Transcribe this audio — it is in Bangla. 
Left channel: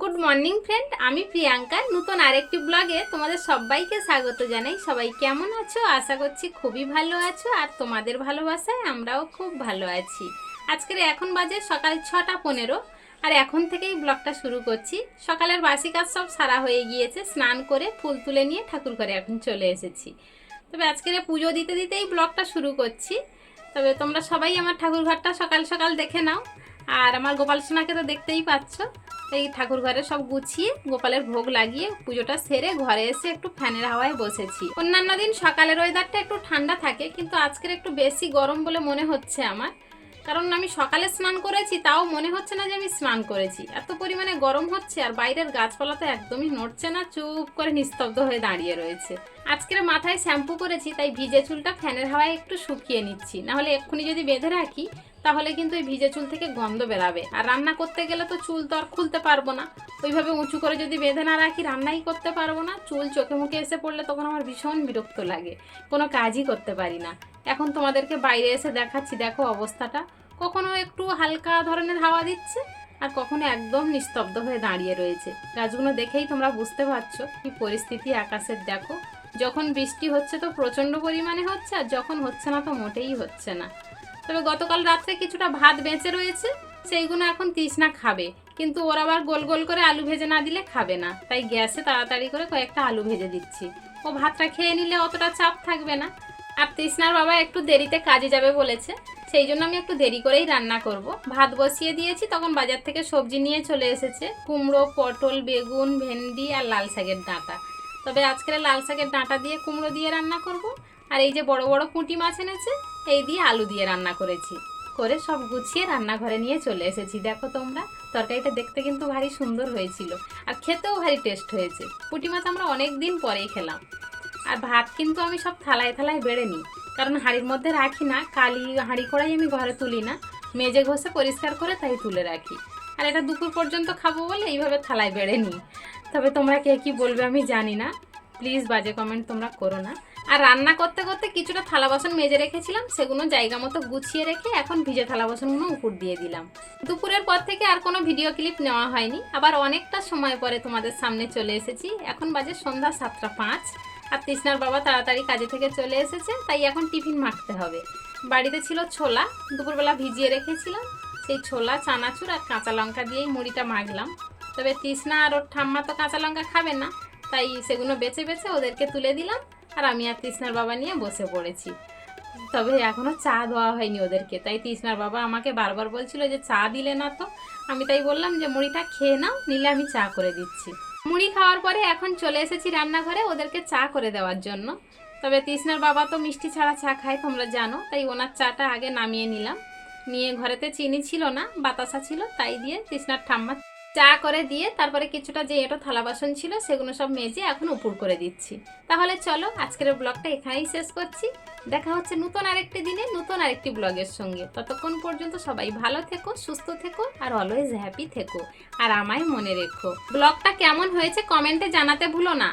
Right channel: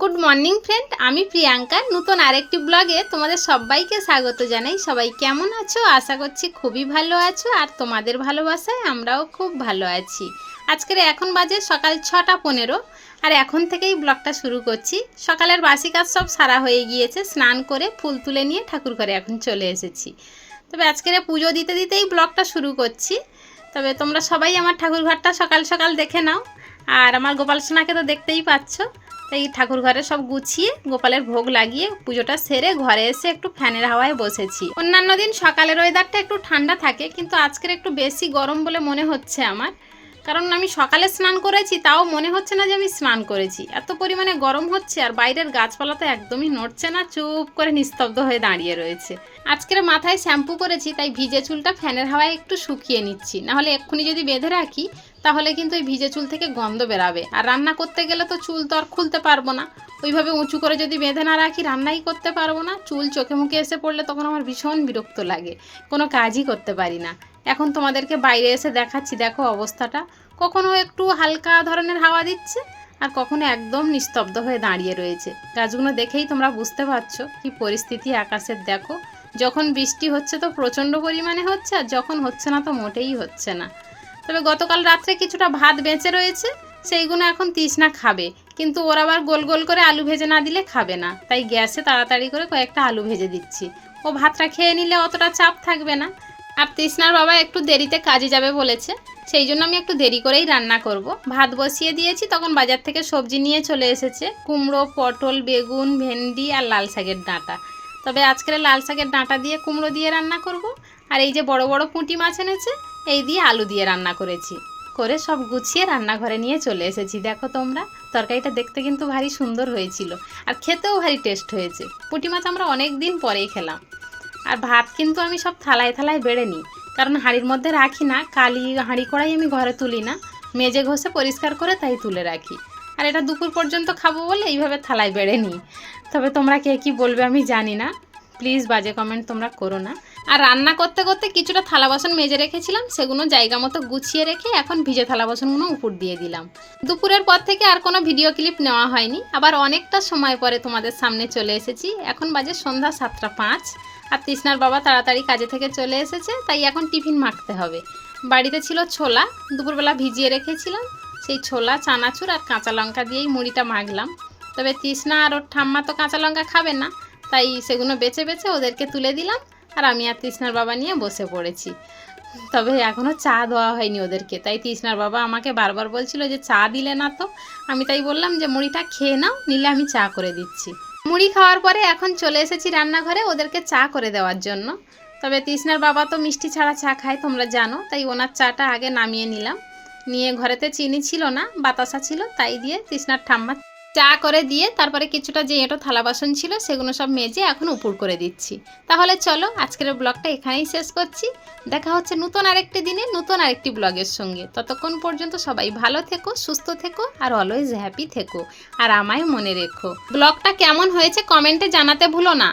গুড মর্নিং ফ্রেন্ড, আমি প্রিয়াঙ্কা। নতুন আরেকটি ব্লগে তোমাদের সবাইকে স্বাগত জানাই। সবাই কেমন আছো? আশা করছি খুবই ভালো আছো আর তোমাদের ভালোবাসায় আমরাও খুব ভালো আছি। আজকের এখন বাজে সকাল ছটা পনেরো আর এখন থেকেই ব্লগটা শুরু করছি। সকালের বাসি কাজ সব সারা হয়ে গিয়েছে, স্নান করে ফুল তুলে নিয়ে ঠাকুর ঘরে এখন চলে এসেছি। তবে আজকের পুজো দিতে দিতেই ব্লগটা শুরু করছি। তবে তোমরা সবাই আমার ঠাকুর ঘরটা সকাল সকাল দেখে নাও। আর আমার গোপাল সোনাকে তো দেখতেই পাচ্ছ। তাই ঠাকুর ঘরে সব গুছিয়ে গোপালের ভোগ লাগিয়ে পুজোটা সেরে ঘরে এসে একটু ফ্যানের হাওয়ায় বসেছি। অন্যান্য দিন সকালের ওয়েদারটা একটু ঠান্ডা থাকে, কিন্তু আজকের একটু বেশি গরম বলে মনে হচ্ছে আমার। কারণ আমি সকালে স্নান করেছি, তাও মনে হচ্ছে না যে আমি স্নান করেছি। এত পরিমাণে গরম হচ্ছে আর বাইরের গাছপালা তো একদমই নড়ছে না, চুপ করে নিস্তব্ধ হয়ে দাঁড়িয়ে রয়েছে। আজকের মাথায় শ্যাম্পু করেছি, তাই ভিজে চুলটা ফ্যানের হাওয়ায় একটু শুকিয়ে নিচ্ছি। নাহলে এক্ষুনি যদি বেঁধে রাখি, তাহলে কিন্তু ওই ভিজে চুল থেকে গন্ধ বেরাবে। আর রান্না করতে গেলে তো চুল তো আর খুলতে পারব না। ওইভাবে উঁচু করে যদি বেঁধে না রাখি, রান্নাই করতে পারব না। চুল চোখে মুখে এসে পড়লে তখন আমার ভীষণ বিরক্ত লাগে। কোনো কাজই করতে পারি না। এখন তোমাদেরকে বাইরে এসে দেখাচ্ছি, দেখো অবস্থাটা। কখনো একটু হালকা ধরনের হাওয়া দিচ্ছে, আর কখনো একদম নিস্তব্ধ হয়ে দাঁড়িয়ে রয়েছে। গাছগুলো দেখেই তোমরা বুঝতে পারছ কি পরিস্থিতি আকাশের দেখো। যখন বৃষ্টি হচ্ছে তো প্রচণ্ড পরিমাণে হচ্ছে, আর যখন হচ্ছে না তো মোটেই হচ্ছে না। তবে গতকাল রাত্রে কিছুটা ভাত বেঁচে রয়েছে, সেইগুলো এখন তৃষ্ণা খাবে। কিন্তু ওরা আবার গোল গোল করে আলু ভেজে না দিলে খাবে না। তাই গ্যাসে তাড়াতাড়ি করে কয়েকটা আলু ভেজে দিচ্ছি। ও ভাতটা খেয়ে নিলে অতটা চাপ থাকবে না। আর তৃষ্ণার বাবা একটু দেরিতে কাজে যাবে বলেছে, সেই জন্য আমি একটু দেরি করেই রান্না করব। ভাত বসিয়ে দিয়েছি, তখন বাজার থেকে সবজি নিয়ে চলে এসেছে, কুমড়ো, পটল, বেগুন, ভেন্ডি আর লাল শাকের ডাঁটা। তবে আজকের লাল শাকের ডাঁটা দিয়ে কুমড়ো দিয়ে রান্না করব, আর এই যে বড় বড় পুঁটি মাছ এনেছে, এই দিয়ে আলু দিয়ে রান্না করেছি। করে সব গুছিয়ে রান্নাঘরে নিয়ে চলে এসেছি। দেখো তোমরা, তরকারিটা দেখতে কিন্তু ভারী সুন্দর হয়েছিল, আর খেতেও ভারী টেস্ট হয়েছে। পুঁটি মাছ আমরা অনেক দিন পরেই খেলাম। আর ভাত কিন্তু আমি সব থালায় থালায় বেড়ে নিই। কারণ হাঁড়ির মধ্যে রাখি না, কালি হাঁড়ি কড়াই আমি ঘরে তুলি না। মেজে ঘষে পরিষ্কার করে তাই তুলে রাখি। আর এটা দুপুর পর্যন্ত খাব বলে এইভাবে থালায় বেড়ে নিই। তবে তোমরা কে কী বলবে আমি জানি না। প্লিজ বাজে কমেন্ট তোমরা করো না। আর রান্না করতে করতে কিছুটা থালা বাসন মেজে রেখেছিলাম, সেগুলো জায়গা মতো গুছিয়ে রেখে এখন ভিজে থালা বাসনগুলো উপর দিয়ে দিলাম। দুপুরের পর থেকে আর কোনো ভিডিও ক্লিপ নেওয়া হয়নি। আবার অনেকটা সময় পরে তোমাদের সামনে চলে এসেছি। এখন বাজে সন্ধ্যা সাতটা পাঁচ। আর তৃষ্ণার বাবা তাড়াতাড়ি কাজে থেকে চলে এসেছে, তাই এখন টিফিন মাখতে হবে। বাড়িতে ছিল ছোলা, দুপুরবেলা ভিজিয়ে রেখেছিলাম। সেই ছোলা, চানাচুর আর কাঁচা লঙ্কা দিয়েই মুড়িটা মাখলাম। তবে তৃষ্ণা আর ওর ঠাম্মা তো কাঁচা লঙ্কা খাবে না, তাই সেগুলো বেছে বেছে ওদেরকে তুলে দিলাম আর আমি আর তৃষ্ণার বাবা নিয়ে বসে পড়েছি। তবে এখনও চা দেওয়া হয়নি ওদেরকে, তাই তৃষ্ণার বাবা আমাকে বারবার বলছিল যে চা দিলে না তো। আমি তাই বললাম যে মুড়িটা খেয়ে নাও, নিলে আমি চা করে দিচ্ছি। মুড়ি খাওয়ার পরে এখন চলে এসেছি রান্নাঘরে ওদেরকে চা করে দেওয়ার জন্য। তবে তৃষ্ণার বাবা তো মিষ্টি ছাড়া চা খায়, তোমরা জানো, তাই ওনার চাটা আগে নামিয়ে নিলাম। নিয়ে ঘরেতে চিনি ছিল না, বাতাসা ছিল, তাই দিয়ে তৃষ্ণার ঠাম্মা চা করে দিয়ে তারপরে কিছুটা যে এটো থালা বাসন ছিল সেগুলো সব মেজে এখন উপর করে দিচ্ছি। তাহলে চলো আজকের ব্লগটা এখানেই শেষ করছি। দেখা হচ্ছে নতুন আরেকটি দিনে, নতুন আরেকটি ব্লগের সঙ্গে। ততক্ষণ পর্যন্ত সবাই ভালো থেকো, সুস্থ থেকো আর অলওয়েজ হ্যাপি থেকো। আর আমায় মনে রেখো, ব্লগটা কেমন হয়েছে কমেন্টে জানাতে ভুলো না।